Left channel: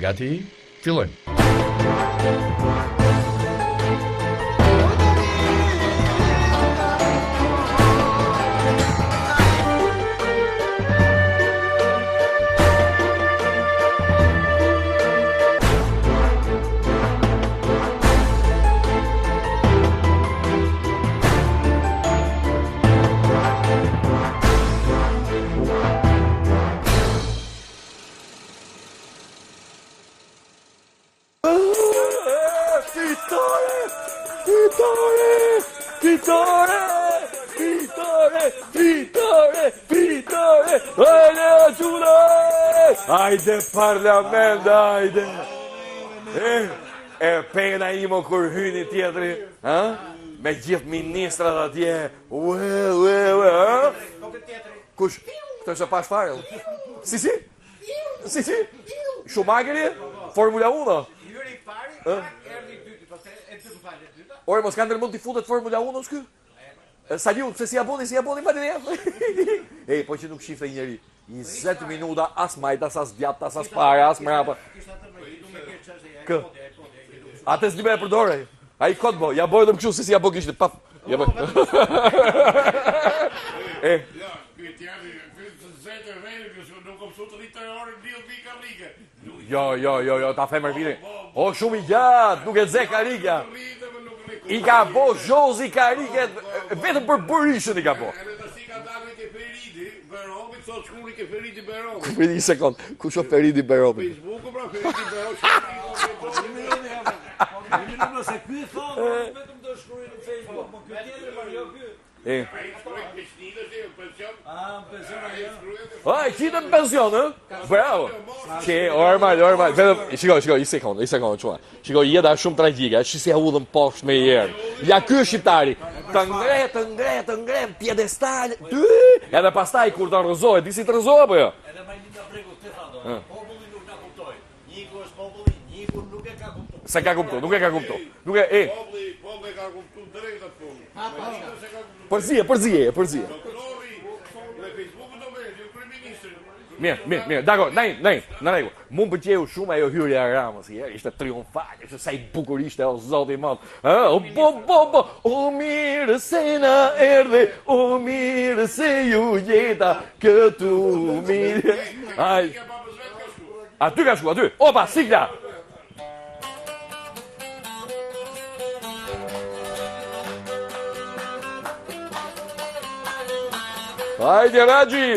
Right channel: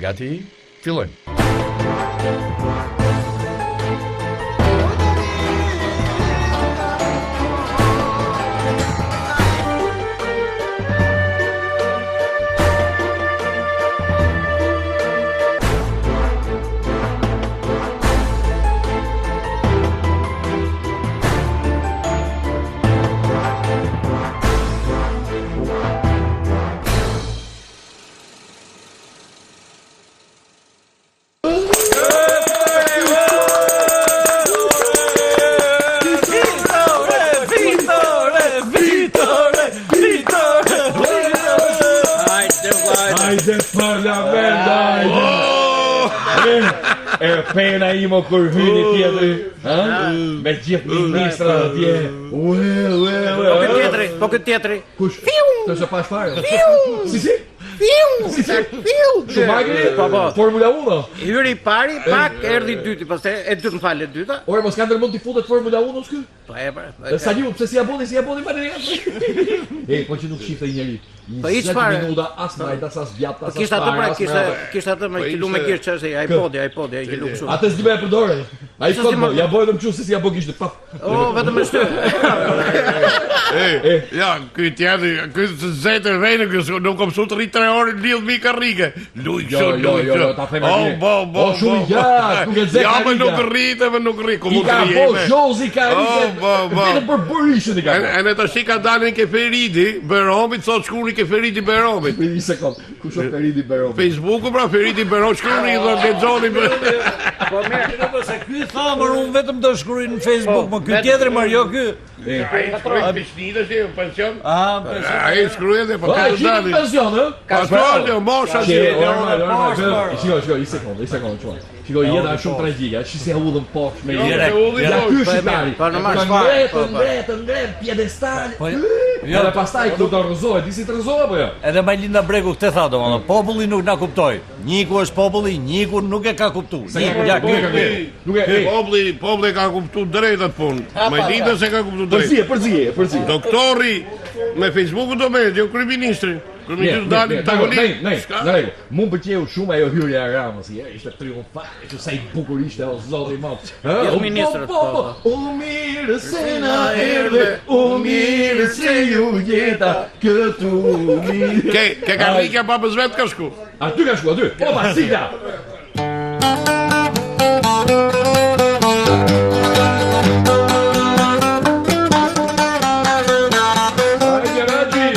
Gati, fillojmë. Hajde parlament, hajde! E pena imo kur hyni tjetëri, me gjithë ministrat atje. Po këtë tjetëri. Kush? Të se pash fare. Si? Schumacheri? Formula 1? Hyri i pari, pak erdhi i dyti, pastaj e dytë më falë e dyta. Ore, mos kanë mund t'i futet Formula 1 s'ky? Po e pra. Saliu, pse si aboni Valerian? Po që nuk shifte i njeri. 20 minuta, as majtas, as djaptas, as fare, as mrapa. Kishte atë me kilu me kirë që iPodi, ai kilu kështu. Atë s'di me e përdore. A i kod mo, ja bojnë më qu si abo kishte, paf. Vetëm me shtu. Ja, ky tjetëri, ky të zetë e vejnë, nuk kom su të rritë 3 orë, lidhë mi karrike. Luj Jo, ta them e mire. O, shumë i gjatë, nuk e zek Ja, karrike. nuk rritë, nuk rritë. I ka bo zhozi karrike, vetëm për bërishën i ka bo. E në të shika dalin ke Feridi, Beromit, sot shkuri ke Feridi Beromit. Një sekund, ku shë Feridi Beromi? Facebooku pra, Feridi Beromit, shkuri i dhe lexoni. Po mirë, se ky thamër unë vetëm do shkruaj në Facebook, më ky tjetri Mario ky. Ai shkruaj pishnite si pension. Pension. Ai shkruaj dhe po. Ai qitë në pension, ë? Ka shkruaj, mosha. Normal, shiko, i sekund, çuaj. Shiko, jeta është shumë tragjike, që si hudhën poshtë me herë. Ja ky është shqiptari. Ka ngret, pjedestal. Edhe pastaj kur të rrëzohet, disi të rrëzohet apo jo? Edhe Majlinda Bregu këtë tha domethënë, populli nuk na kuptoi. Njiku është populli, njiku nuk e ka kuptuar. Sa ka kuptuar, nuk e ka kuptuar. Nuk e, Populli ka kuptuar drejtat punë. Majlinda se ka kuptuar drejt. Përzi. Doktori me Facebooku do me, jo kryeministri. Mirë, dakor, në rregull. Mu pëlqeu shumë ajo hyrja e Ramës, ishte triumfale, që sa i bukur ishte o zoti i madh. O mirë se na erdhe, o mirë se ju jeta këtu mirë. Ke karrika babës vet ka shku. Aty ka shku, aty. Opa, sigla. Hajde Raji.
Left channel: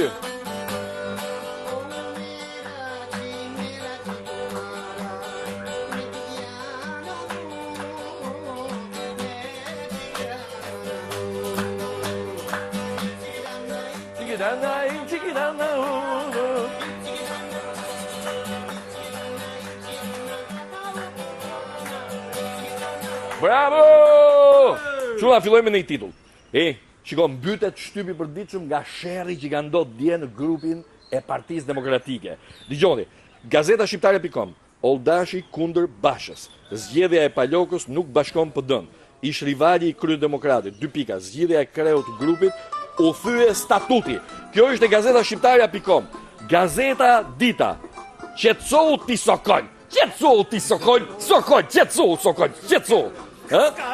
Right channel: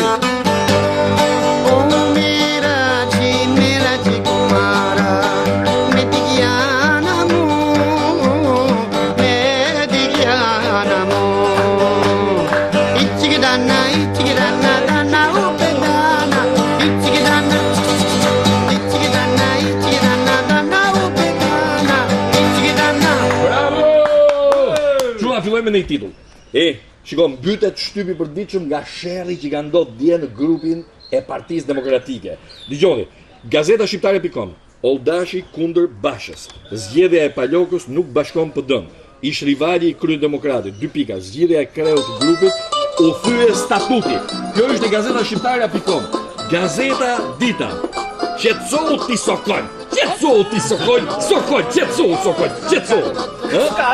Fillojmë me një titull. Shiko, mbytet shtypi përditshëm nga sherrri që ka ndodhur dje në grupin e Partisë Demokratike. Dgjoni, Gazeta Shqiptare.com, Oldashi kundër Bashës. Zgjedhja e Palokës nuk bashkon PD-n. Ish rivali i Kryedemokratit, 2 pika, zgjedhja e kreut të grupit u thye statuti. Kjo është e Gazeta Shqiptare.com. Gazeta Dita. Qetësohu ti sokoj. S'ka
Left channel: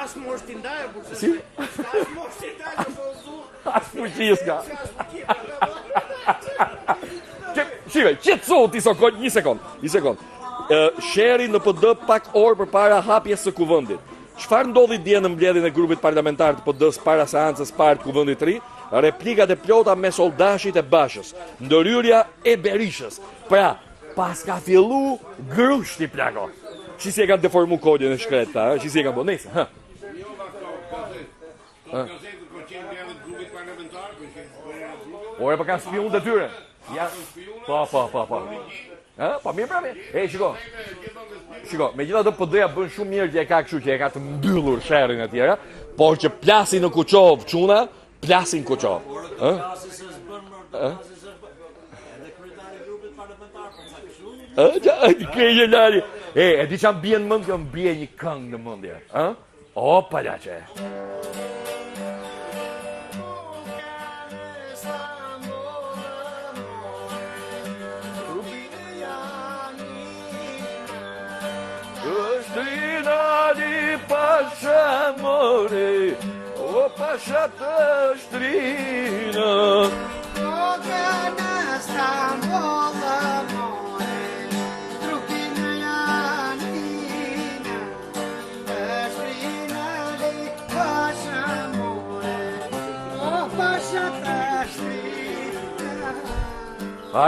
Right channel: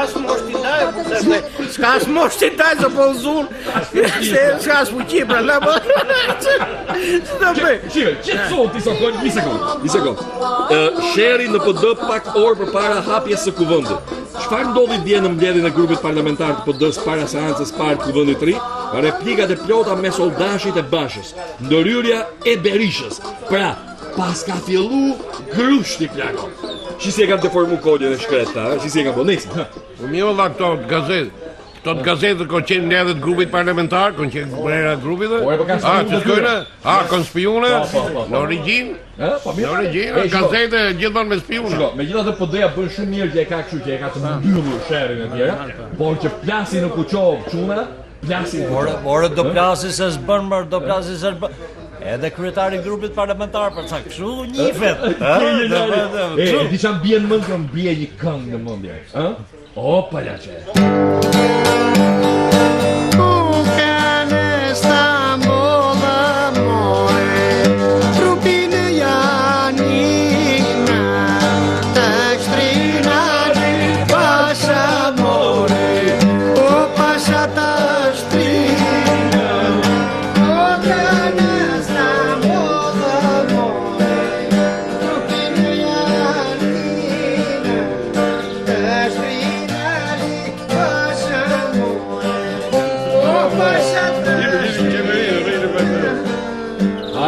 as moshti ndaj, se po zun. S'ka as fuqi pra la po. Shikoj, qetësohu ti sokoj, një sekond. Sheri në PD pak orë përpara hapjes së kuvendit. Çfarë ndodhi dje në mbledhjen e grupit parlamentar të PD-s para seancës parë të kuvendit të ri? Replikat e plota mes Oldashit e Bashës, ndërhyrja e Berishës. Pra, pas ka fillu grushti plako. Që si e kam deformu kodin e shkreta, që si e kam bonesi. Mi olla këto gazetë. Këto gazetë kanë qenë në edhe të grupit parlamentar, kanë qenë brera grupit dhe. Ore, po kanë spione të tyre. Kanë spione. Po. Në origjinë. Po mirë. Në origjinë, gazete gjithmonë me spione. Shiko, megjithatë PD-ja bën shumë mirë që e ka kështu që e ka të mbyllur sherrin e tjera, por që plasin në Kuçov çuna, plasin në Kuçov. Ore do plasi se s'bën më, do plasi se s'bën. Edhe kryetari i grupit parlamentar për çka kështu njihet. E di çam bien mend që mbie një këngë në mendje, ë? Opa laçe.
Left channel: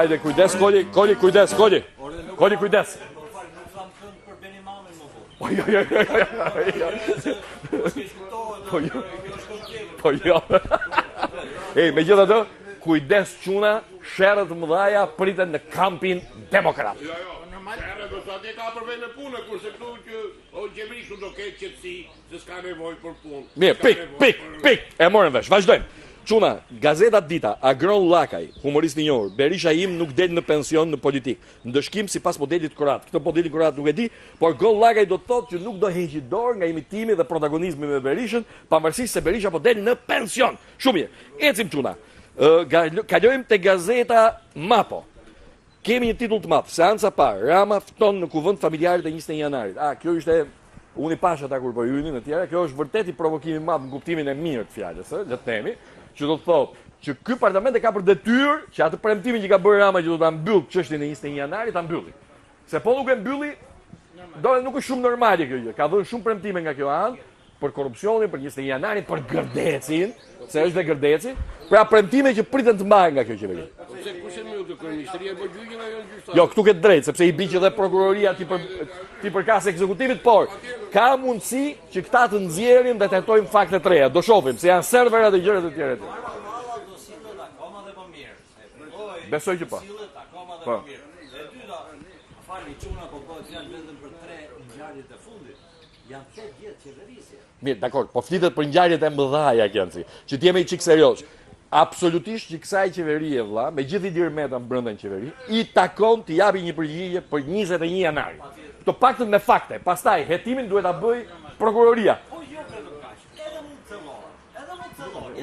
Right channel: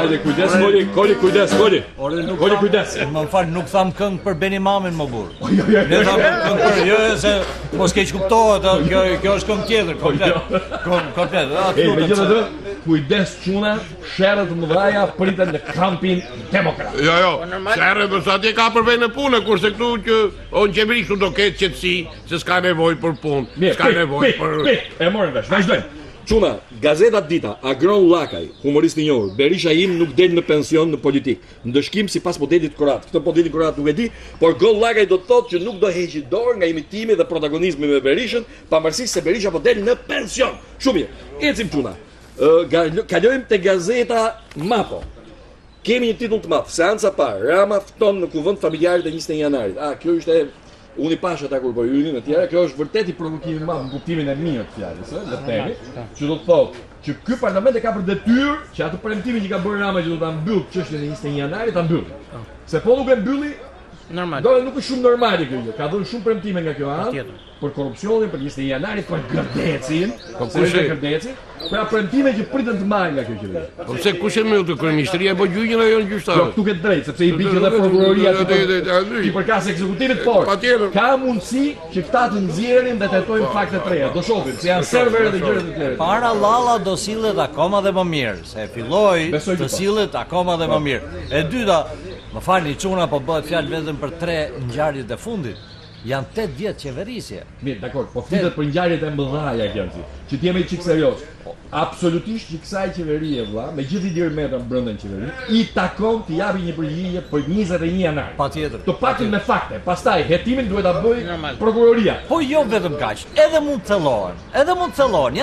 Hajde, kujdes, Koli, kujdes, Koli. Koli, kujdes. Më fal, nuk tham këngë për Beni Mamin më burr. Jo, jo, Ne tham këngë për jo se po s'keq kuptohet, kjo është këngë tjetër, komplet. Komplet. Megjithatë, kujdes çuna, sherrët mëdhaja priten në kampin demokrat. Jo, sherrë do sa ti ka për vend në punë, kurse këtu që on qeveri këtu do ketë qetësi, se s'ka nevojë për punë. Mirë, S'ka nevojë për pik, e morën vesh, vazhdojmë. Çuna, gazeta Dita, Agron Llakaj, humorist i njohur, Berisha im nuk del në pension në politik. Ndëshkim sipas modelit Korat. Këtë modelin Korat nuk e di, por Gol Llakaj do të thotë që nuk do heqë dorë nga imitimi dhe protagonizmi me Berishën, pavarësisht se Berisha po del në pension. Shumë mirë. Ecim çuna. Kalojmë te gazeta Mapo. Kemi një titull të madh, seanca parë, Rama fton në kuvend familjarët e 21 janarit. Kjo ishte unë i pash ata kur po hynin e tjera, kjo është vërtet i provokimi i madh në kuptimin e mirë të fjalës, le të themi, që do të thotë që ky parlament e ka për detyrë që atë premtimin që ka bërë Rama që do ta mbyll çështjen e 21 janarit ta mbylli. Se po nuk e mbylli, normal. Do nuk është shumë normale kjo gjë. Ka dhënë shumë premtime nga kjo anë për korrupsionin, për 21 janarin, për gërdecin, se është gërdeci. Pra premtime që priten të mbajnë nga kjo qeveri. Po pse kush e mbyll të kryeministria apo gjyqin ajo në gjyqtar? Jo, këtu ke drejt, sepse i bie edhe prokuroria ti përkas ekzekutivit, por ka mundësi që këta të nxjerrin dhe tetojnë fakte të reja. Do shohim se janë servere dhe gjëra të tjera. Para Lalla do sillet akoma dhe më mirë, se filloi të sillet akoma dhe më mirë. E dyta, më falni çuna, po bëhet fjalë vetëm për 3 ngjarjet e fundit. Janë 8 vjet qeverisje. Mirë, dakor, po flitet për ngjarjet e mëdhaja Gjenci, që t'jemi çik serioz. Absolutisht që kësaj qeverie vëlla, me gjithë i dirmetën brenda në qeveri, i takon të japi një përgjigje për 21 janar. Patjetër. Të paktën me fakte. Pastaj hetimin duhet ta bëj prokuroria. Po jo vetëm kaq, edhe mund të thellohen.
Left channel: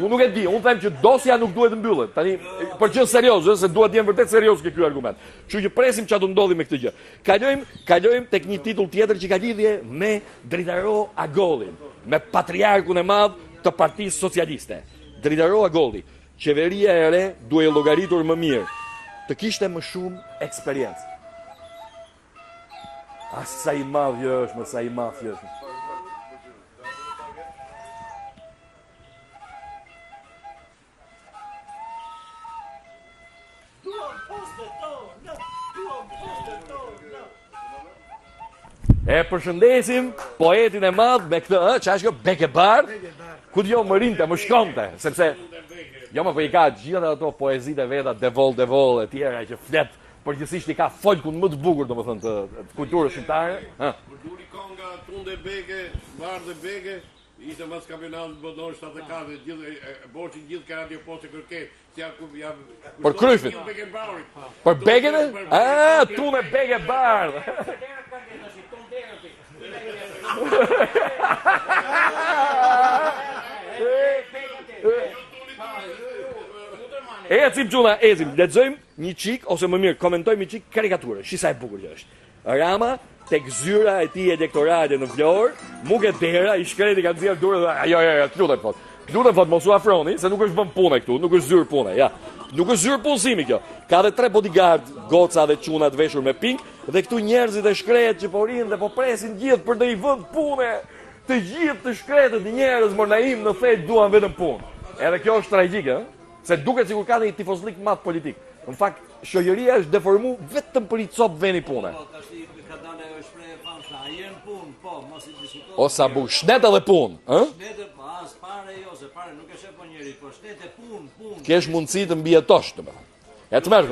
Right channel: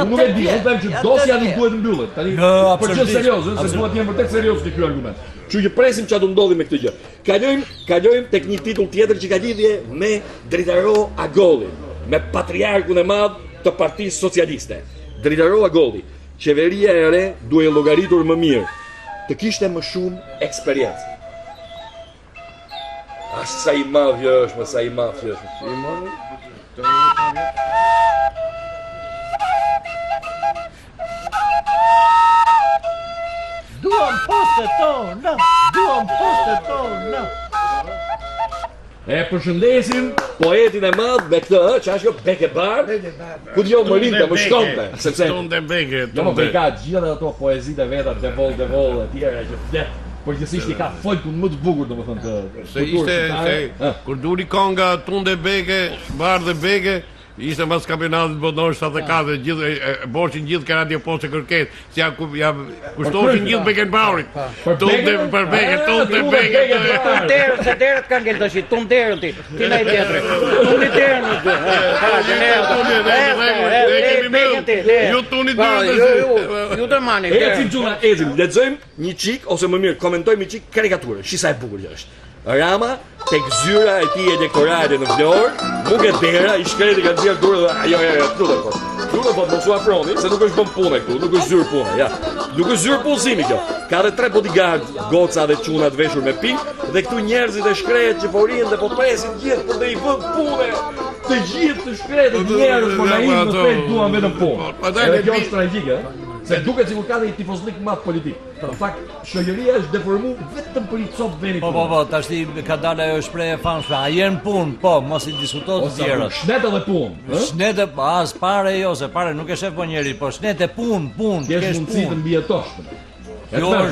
Unë nuk e di, unë them që dosja nuk duhet mbyllet. Tani për gjë serioze, se duhet të jenë vërtet serioz ky argument. Kështu që presim çfarë do ndodhi me këtë gjë. Kalojmë tek një titull tjetër që ka lidhje me Dritaro Agollin, me patriarkun e madh të Partisë Socialiste. Dritaro Agolli, qeveria e re duhet llogaritur më mirë, të kishte më shumë eksperiencë. Sa i madh është, sa i madh është. Duam postet tona, duam postet tona. E përshëndesim poetin e madh me këtë, çfarë është kjo Bekebar? Ku dëgjoj më rinte, më shkonte, sepse jo më vëka gjithë ato poezitë veta Devol e tjera që flet përgjithsisht i ka folkun më të bukur domethënë të kulturës shqiptare. Kur duri konga Tunde Beke, Bardhe Beke, ishte mbas kampionatit botror 74, gjithë boshin gjithë ka radio poste kërkesë, si ja kushtoshin gjithë Beckenbauerit. Për Beken, për Beken, Tunde Beckenbauer. Se derët kanë ngel tash, tum derën ti. Ti ndaj tjetër. Tum derën. Ju tuni derën. Ju të mani. Ecim çuna, lexojmë një çik ose më mirë komentojmë një çik karikaturë. Shi sa e bukur që është. Rama tek zyra e tij elektorale në Vlorë, Muge Dera i shkreti ka nxjerr durrë. Jo, lutem po mos u afroni, se nuk është bën punë këtu, nuk është zyrë punë, ja. Nuk është zyrë punësimi kjo. Ka edhe 3 bodyguard, goca dhe çuna të veshur me pikë, dhe këtu njerëzit e shkret që po rinë dhe po presin gjithë për të i vënë punë. Të gjithë të shkretet njerëz po naim në fakt duan vetëm punë. Edhe kjo është tragjike, se duket sikur ka një tifozlik madh politik. Në fakt, shoqëria është deformuar vetëm për i cop veni punë. Po, tash ka dalë ajo shprehje famshme, a jeni punë? Po, mos i diskutohet të tjerë. Shnet edhe punë, ë? Shnet as pare jo, se pare nuk e shef po njeri, po shnet e punë. Kesh mundësi të mbijetosh këtë. E të mërë,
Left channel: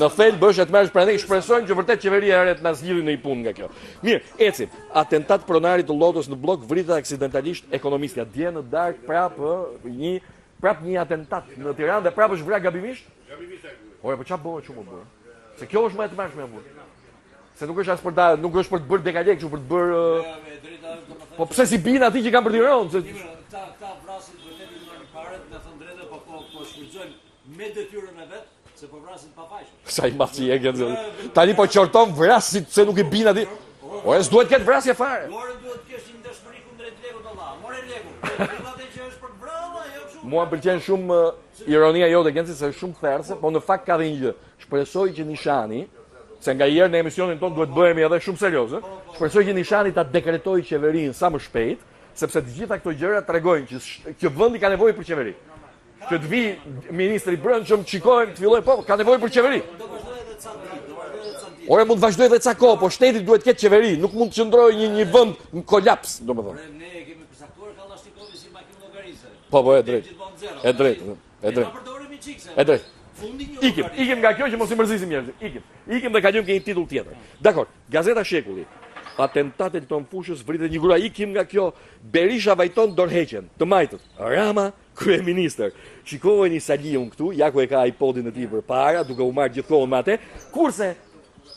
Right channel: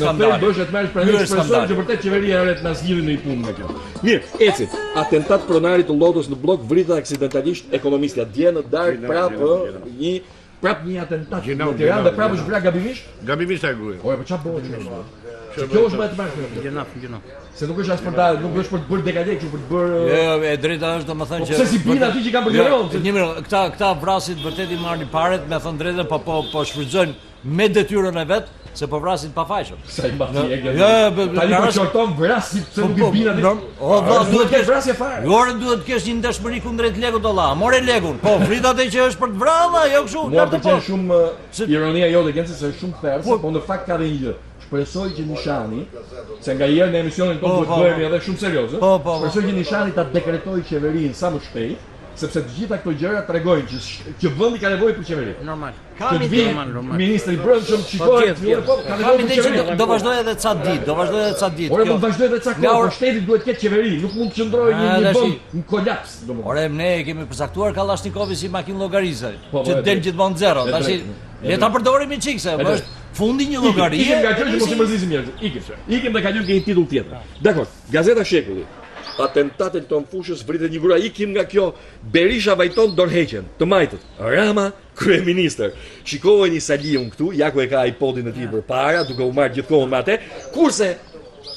në fejt bësh e të mërë shprehje ekspresojmë që vërtet qeveria e re na zgjidhi në i punë nga kjo. Mirë, ecim. Atentat pronarit të Lotës në blok vrita aksidentalisht ekonomistja. Dje në darkë prap një atentat në Tiranë dhe prapë është vrarë gabimisht? Gabimisht e gruaja. Po çfarë bëhet kështu? Se kjo është më e tmerrshme. Gjëna. Se nuk është as për ta, nuk është për të bërë dekadë kështu për të bërë. Jo, e drejta është domethënë që. Po pse si bin aty që kanë për Tiranë? Një mirë, këta vrasit vërtet i marrin paret, me thënë drejtën, po shfrytëzojnë me detyrën e vet. Se po vrasin pa fajshëm. Sa i mbaci e gjë. Tani po qorton vrasit se nuk i bin aty. Është duhet të kesh vrasje fare. Orën duhet të kesh një dashmëri kundrejt lekut dollar. More lekun. Po fritat e që është për të vrarë, jo kështu. Mua pëlqen shumë ironia jote Genci se është shumë therrse, po në fakt ka dhe një gjë. Shpresoj që Nishani, se nga herë në emisionin tonë duhet bëhemi edhe shumë serioz, shpresoj që Nishani ta dekretojë qeverinë sa më shpejt, sepse të gjitha këto gjëra tregojnë që vendi ka nevojë për qeveri. Normal. Që të vi ministri i brendshëm, shikojë, fillojë po, ka nevojë për qeveri. Do vazhdoj edhe ca ditë, Ore mund të vazhdoj edhe ca kohë, por shteti duhet të ketë qeveri, nuk mund të qëndrojë një vend në kolaps, domethënë. Ore, ne kemi përcaktuar Kallashnikovi si makinë llogarizë, Po, që e del drejt. gjithmonë zero. E Tash drejt, e le ta drejt. përdorim i çikse, E drejt. është fundi një Ikim llogarie. nga kjo që mos i mërzisim njerëzit. Ikim dhe kalim ke një titull tjetër. Dakor, Gazeta Shekulli. Atentatin të Fushës vritet një grua, ikim nga kjo. Berisha vajton dorëheqjen, të majtët. Rama kryeministër. Shikoj një saliun këtu, ja ku e ka iPodin e tij përpara, duke u marrë gjithkohën me atë. Kurse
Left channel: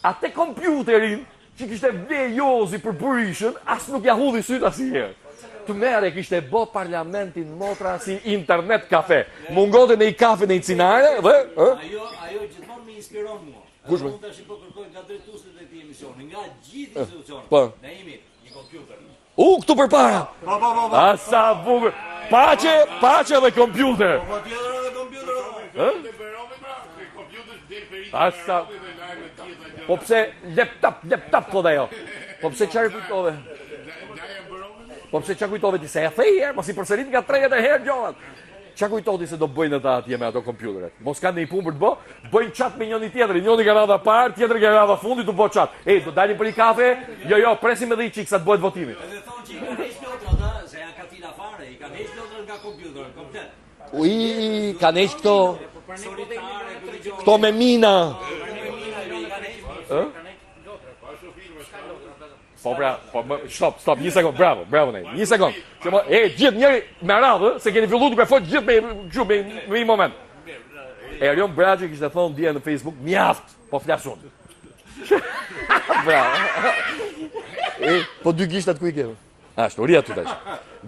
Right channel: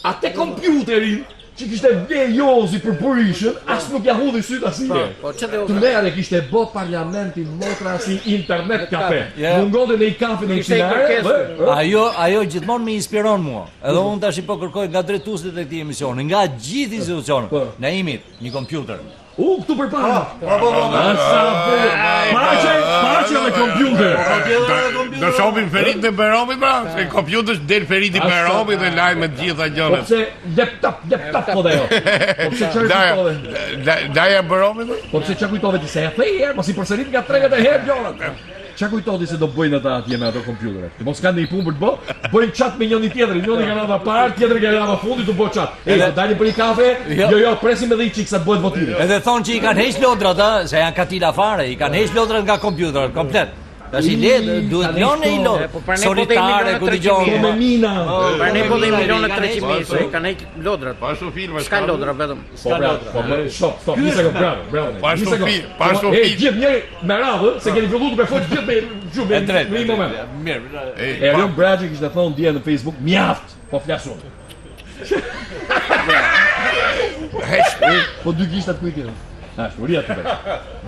atë kompjuterin që kishte vejozi për Berishën, as nuk ja hudhi syt asnjëherë. Po ç'të Të merre kishte bo parlamentin motra si internet kafe. Ja. Mungonte në i kafe në i Ishte i cinare, kërkesë. Ajo gjithmonë më inspiron mua. Edhe unë tash po kërkoj nga drejtuesit e këtij emisioni, nga gjithë institucionet. Po. Naimit, një kompjuter. Këtu përpara. Asa bukur. Paçe me kompjuter. Do shohim Ferit dhe Beromi pra, se kompjutesh del Feriti Beromi dhe lajme të gjitha Po gjërat. pse laptop po dhe jo. Po pse çfarë kujtove? Daja Beromi? Po pse çfarë kujtove ti se e the mos i përsërit nga 30 herë gjërat. Çka kujtoti se do bëjnë ata atje me ato kompjutere? Mos kanë një punë për të bë, bëjnë chat me njëri tjetrin, njëri ka rradha parë, tjetri ka rradha fundit të bëj chat. Do dalim për një kafe? Jo, presim edhe një çik sa të bëhet votimi. Edhe thonë që i kanë heq lodrat, se janë katila fare, i kanë heq lodrat nga kompjuterat komplet. Tash i le duhet lënë i lodrat. Po për ne po Solitare ku dëgjon. Po me mina. Për ne po dhe 1.300.000, se kanë heq lodrat. Pa ashtu filma. S'ka lodra vetëm. Po bravo, po stop, një sekond, bravo. Pa Një ashtu sekond. pa ashtu film. Gjithë njëri me radhë, se keni filluar duke folë gjithë me një moment. Mirë. Erion Braçi kishte thonë dje në Facebook, mjaft, po flasun. Bravo. Po dy gishtat ku i keni? Ashtu, ri aty tash.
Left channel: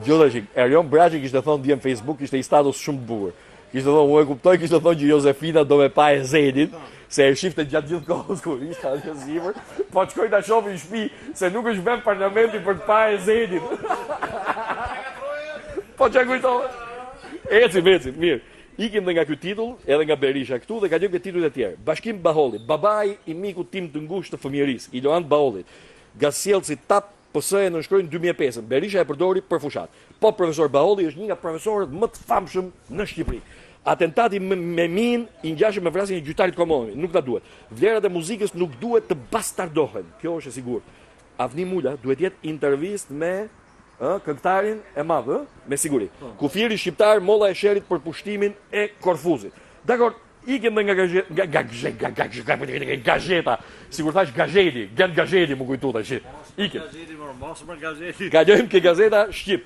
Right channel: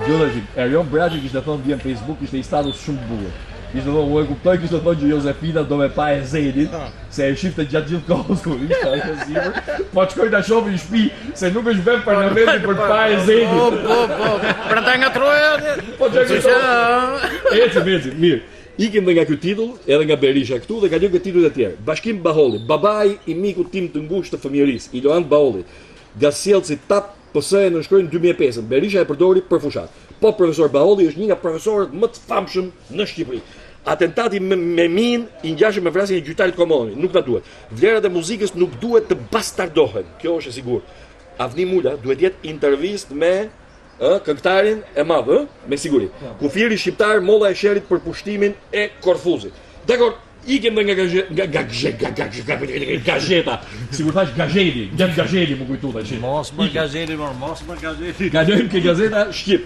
Gjodha që Erion Braçi kishte thonë dje në Facebook, ishte një status shumë të bukur. Kishte thonë, u e kuptoj, kishte thonë që Josefina do me pa e Zenin, se e shifte gjatë gjithë kohës kur ishte ajo sipër, po shkoj ta shohim në shtëpi se nuk është vend parlamenti për të pa e Zenin. Pra ta ngatroja. Po çka kujton? Eci, mirë. Ikim dhe nga ky titull, edhe nga Berisha këtu dhe kalojmë këtë titujt e tjerë. Bashkim Baholli, babai i mikut tim të ngushtë të fëmijërisë, Iloan Baholli. Gaziellci TAP PS-e nënshkrojnë 2005. Berisha e përdori për fushat. Po profesor Baholli është një nga profesorët më të famshëm në Shqipëri. Atentati me min i ngjashëm me vrasjen e gjyqtarit Komodoni, nuk na duhet. Vlerat e muzikës nuk duhet të bastardohen. Kjo është e sigurt. Avni Mula duhet jetë intervistë me këngëtarin e madh, me siguri. Kufiri shqiptar molla e sherrit për pushtimin e Korfuzit. Dakor, ikem nga gazeta. Sigur thash gazeti, gazeti më kujtu tash. Mos më gazeti, mos më gazeti. Kalojmë ke gazeta Shqip.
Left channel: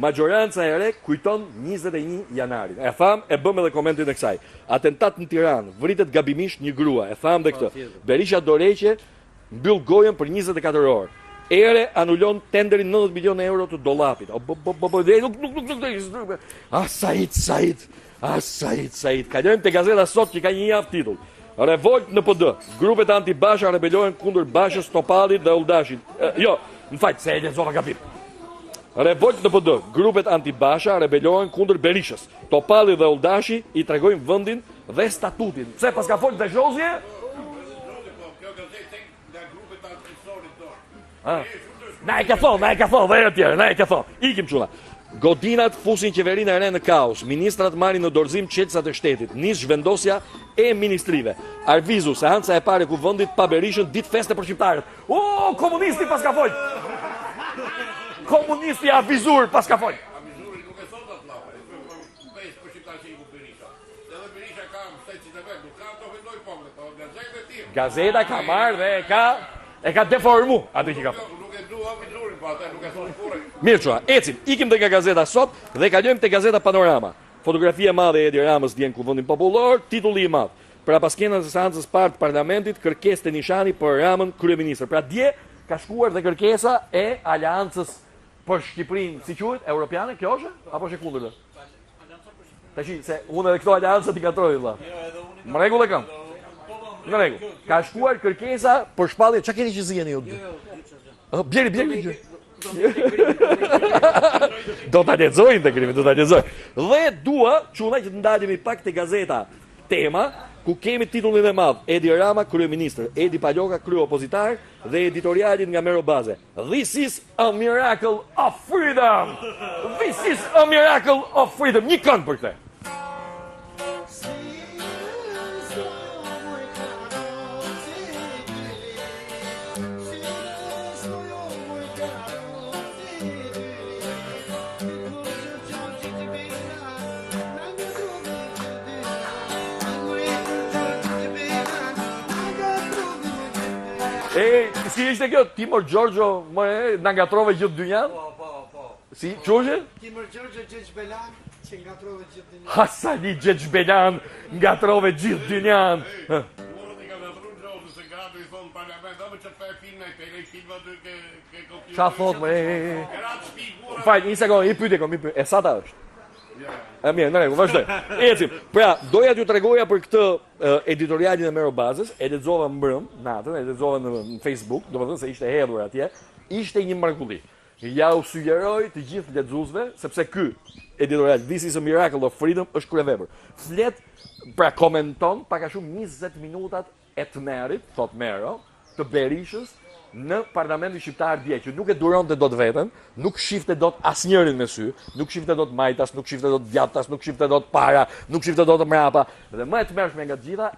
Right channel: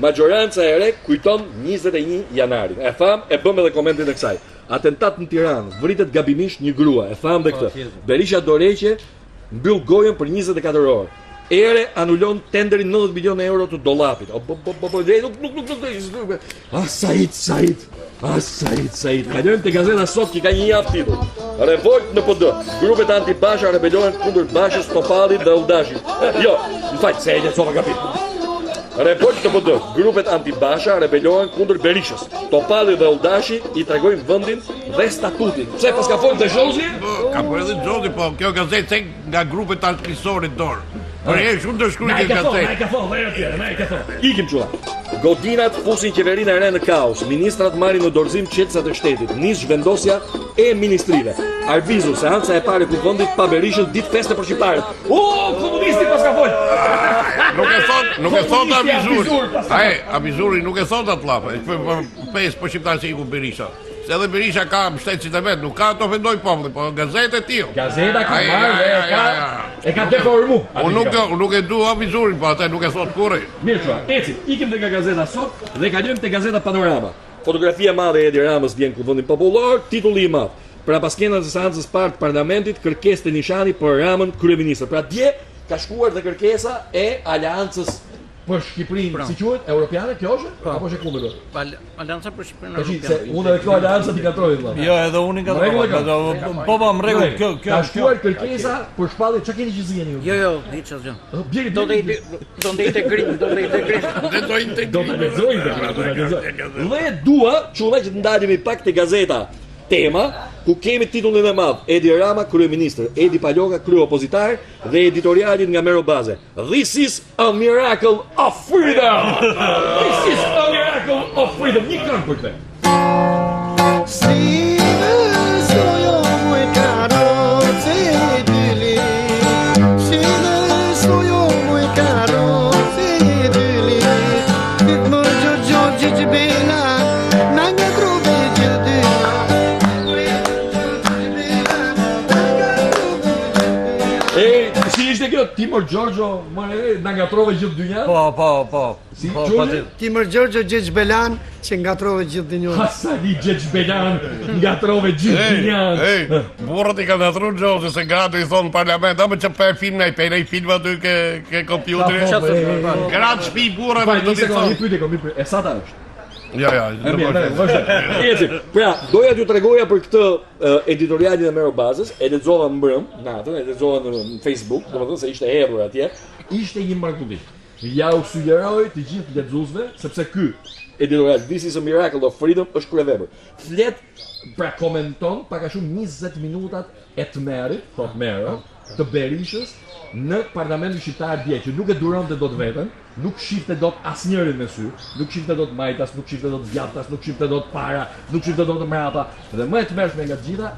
Majoranca e re kujton 21 janarin. E tham, e bëm edhe komentin e kësaj. Atentat në Tiranë, vritet gabimisht një grua. E tham dhe këtë. Berisha Doreqe mbyll gojën për 24 orë. Ere anulon tenderin 90 milion euro të dollapit. Said. Kalojmë te gazeta Sot që ka një javë titull. Revolt në PD. Grupet anti-Basha rebelojnë kundër Bashës, Topallit dhe Uldashit. Jo, më fal, se e lexova gabim. Revolt në PD. Grupet anti-Basha rebelojnë kundër Berishës. Topalli dhe Uldashi i tregojnë vendin dhe statutin. Pse pas ka folë të Zhozje? Ka po edhe Xhozi, po kjo gazetë tek nga grupet antisorit dorë. Por e shumë të shkruajnë Na e ka thonë, Ikim çulla. Godinat fusin qeverinë e re në kaos. Ministrat marrin në dorëzim çelësat e shtetit. Nis zhvendosja e ministrive. Arvizu seanca e parë ku vendit pa Berishën ditë feste për shqiptarët. Komunisti pas ka folë. Nuk e thot Avizur pas ka folë. Avizuri nuk e thot atë llafë. Pesë për shqiptarë që iku Berisha. Se edhe Berisha ka mbështetësit e vet, nuk ka të ofendoj popullin, po gazetë e tillë. Gazeta ka marrë dhe e ka deformu. Unë nuk e du avizurin, po atë nuk e thot kurrë. Mirë çuha, ecim. Ikim te nga gazeta Sot dhe kalojmë te gazeta Panorama. Fotografia e madhe e Edi Ramës vjen ku vendin popullor, titulli i madh. Pra paskenat e seancës parë të parlamentit, kërkesë të nishani për Ramën kryeministër. Pra dje ka shkuar dhe kërkesa e aleancës për Shqipërinë, si quhet, europiane, kjo është? Apo është e kundërta? Alianca për Shqipërinë. Tash se unë edhe këto aleancat i katroj vëlla. Jo, edhe unë i Rregull e kam. Po, më rregull, kjo. Ka shkuar kërkesa për shpallje, çka keni që zgjeni ju? Jo, hiç asgjë. Bjeri. Do të integrim. Do ta lexoj integrim, do ta lexoj. Dhe dua, çulla që të ndalemi pak te gazeta Tema, ku kemi titullin e madh Edi Rama, kryeministër, Edi Paloka, kryeopozitar dhe editorialin nga Mero Baze. This is a miracle of freedom. This is a miracle of freedom. Një këngë për këtë. Si ishte kjo Timor Giorgio, na ngatrove gjithë dynjan? Po. Si, Gjorgje? Timur Gjorgjo Gjeç Belan që ngatrove gjithë dynjan. Hasani Gjeç Belan, ngatrove gjithë dynjan. Burrat i kanë natru Gjorgje se gratë i thonë parlament, a më që për film i film aty ke kompjuteri. Gratë shpi burrat. Faj, një sekundë, i pyetje, e sa ta është? Ja. Mirë, vazhdo. Eci, pra, doja t'ju tregoja për këtë editorialin e Mero Bazës, e lexova mbrëm, natën, e lexova në Facebook, domethënë se ishte hedhur atje, ishte një mrekulli. Ja u sugjeroj të gjithë lexuesve, sepse ky editorial This is a Miracle of Freedom është kryevepër. Flet, pra komenton pak a shumë 20 minutat e tmerrit, thot Mero, të Berishës në parlamentin shqiptar dje, që nuk e duronte dot veten, nuk shifte dot asnjërin me sy, nuk shifte dot majtas, nuk shifte dot djathtas, nuk shifte dot para, nuk shifte dot mrapa. Dhe më e tmerrshme nga të gjitha,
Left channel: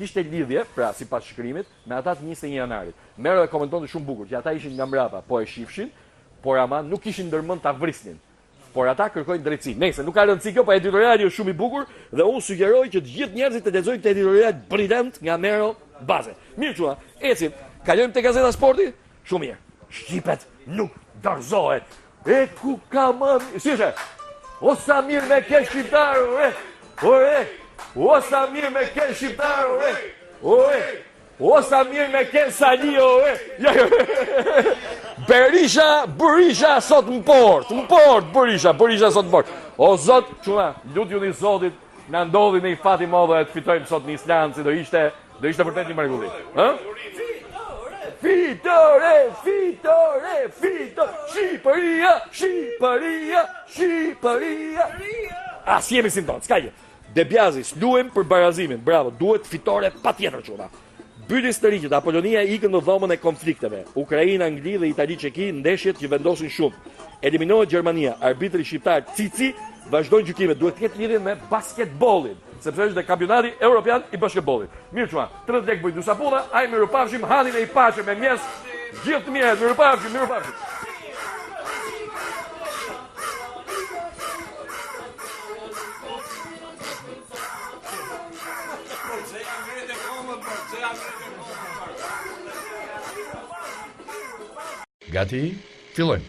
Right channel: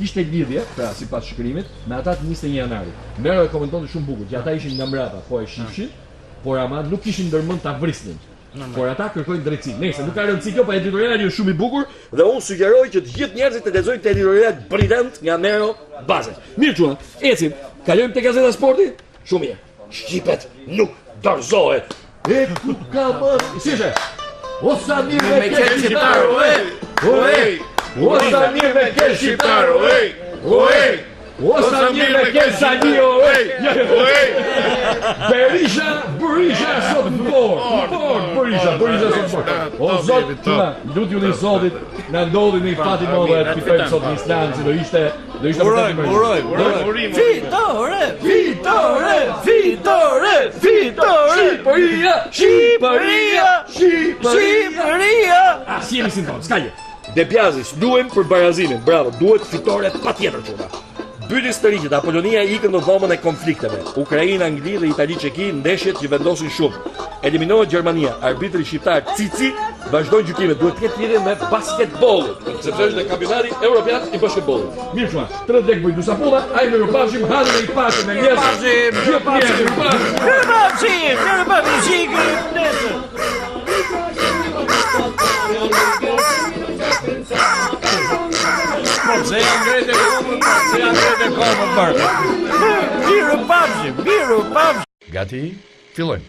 kishte lidhje, pra sipas shkrimit, me ata të 21 janarit. Mero e komentonte shumë bukur, që ata ishin nga mrapa, po e shifshin, por ama nuk kishin ndërmend ta vrisnin. Por ata kërkojnë drejtësi. Nëse nuk ka rëndësi kjo, pa editoriali është shumë i bukur dhe unë sugjeroj që të gjithë njerëzit të lexojnë këtë editorial brillant nga Mero Baze. Mirë çuna, ecim. Kalojmë te Gazeta Sporti? Shumë mirë. Shqipet nuk dorëzohet. E ku ka më? Si është? O sa mirë me ke shqiptaru, O sa mirë me ke shqiptaru, O sa mirë me ke Salio, Berisha sot në port, Berisha sot në port. O Zot, çuna, lutju një Zotit, na ndodhi në një fat i madh të fitojmë sot një instancë, do ishte vërtet i mërë. Shqipëria! Asi jemi sintonë, s'ka gjë. De Biazis, duhen për Barazimin, bravo, duhet fitore pa tjetër çuna. Byti historiqet, Apolonia ikën në dhomën e konflikteve. Ukraina, Angli dhe Itali Çeki ndeshjet që vendosin shumë. Eliminohet Gjermania, arbitri shqiptar Cici vazhdojnë gjykimet. Duhet të ketë lidhje me basketbollin, sepse është kampionati evropian i basketbollit. Mirë çuna, 30 lek bëj dy sapulla, ai më rupafshim, hanin e i paqe me njerëz. Gjithë mirë, rupafshim. Se janë grejt e komën bërë. Miru pafshim. Gati, fillojmë.